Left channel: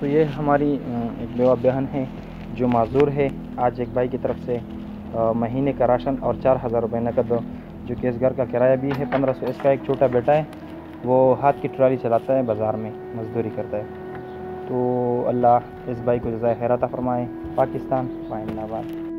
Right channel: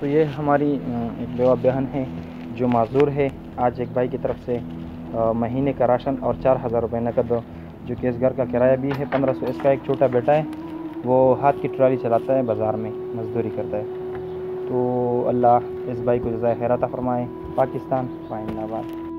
तो ये हमारी एक बेवा बहन है जो माजूर है। आज एक भाई की तरफ से महीने का राशन और 4000 रुपये नकद, जो कि इस घर का किराया भी है 1500। इसका एक छोटा बेटा है, वो हाथ की ट्राली चलाता है, बाज़ार में मजदूरी करता है। तो अल्लाह इस भाई को जज़ाए खैर अता फ़रमाए। पाकिस्तान पाइंदाबाद।